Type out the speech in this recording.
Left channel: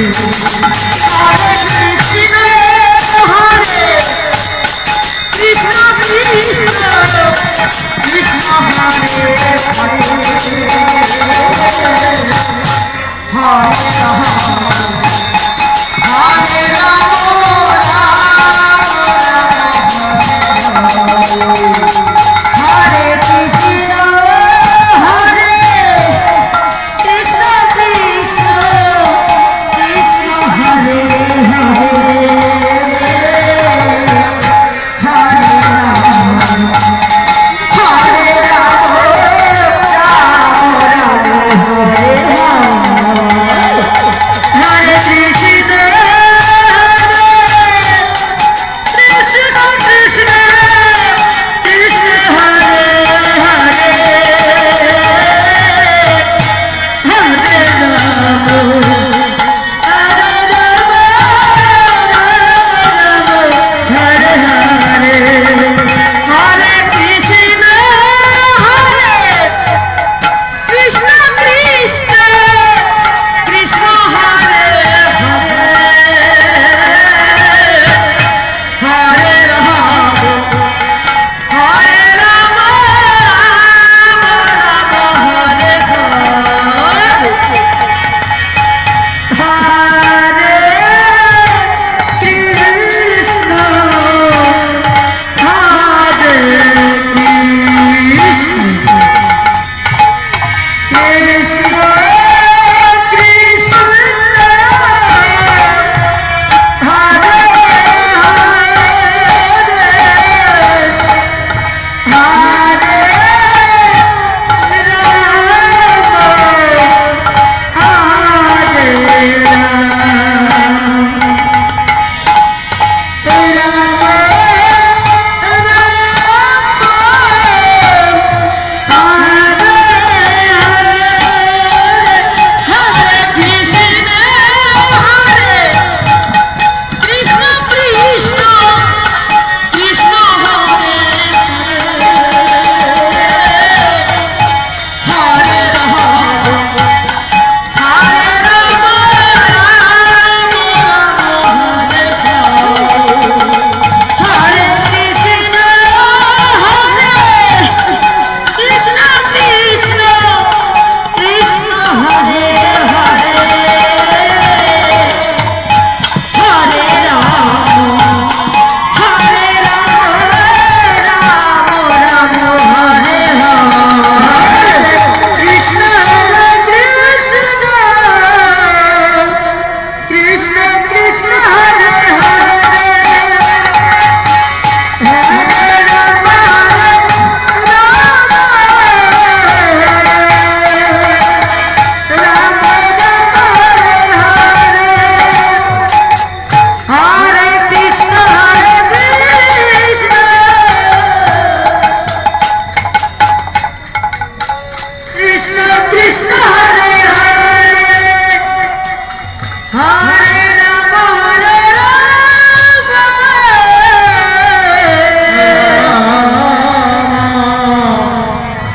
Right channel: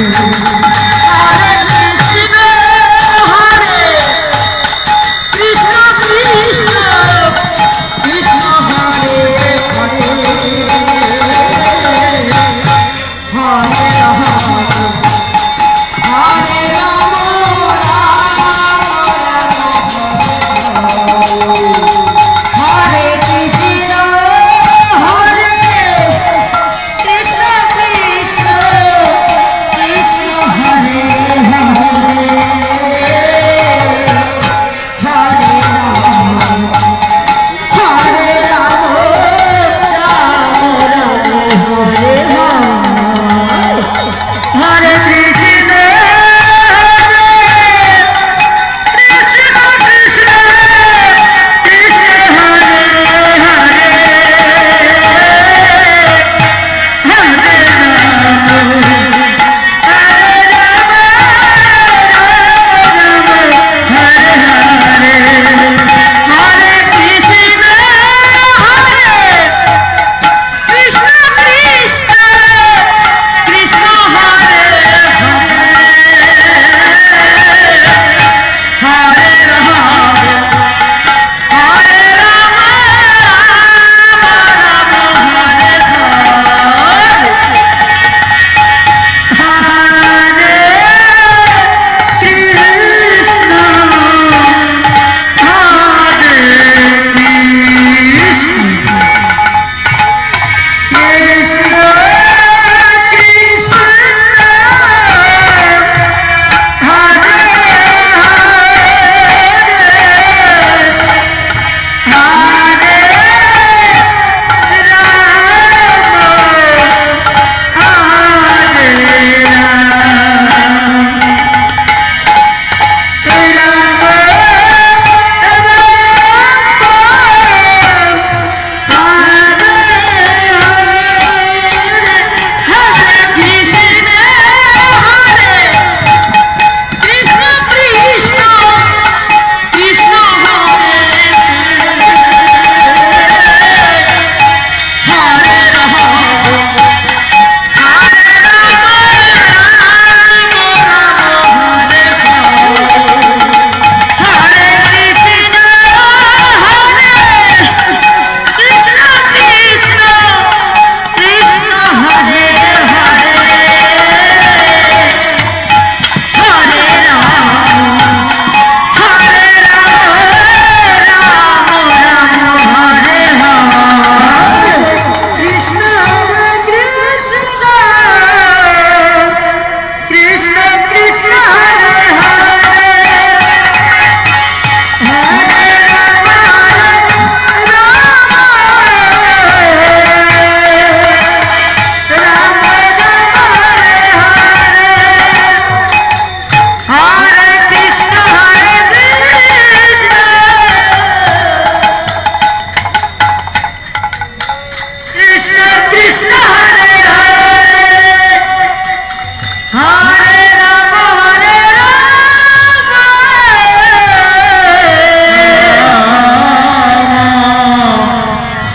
Krishna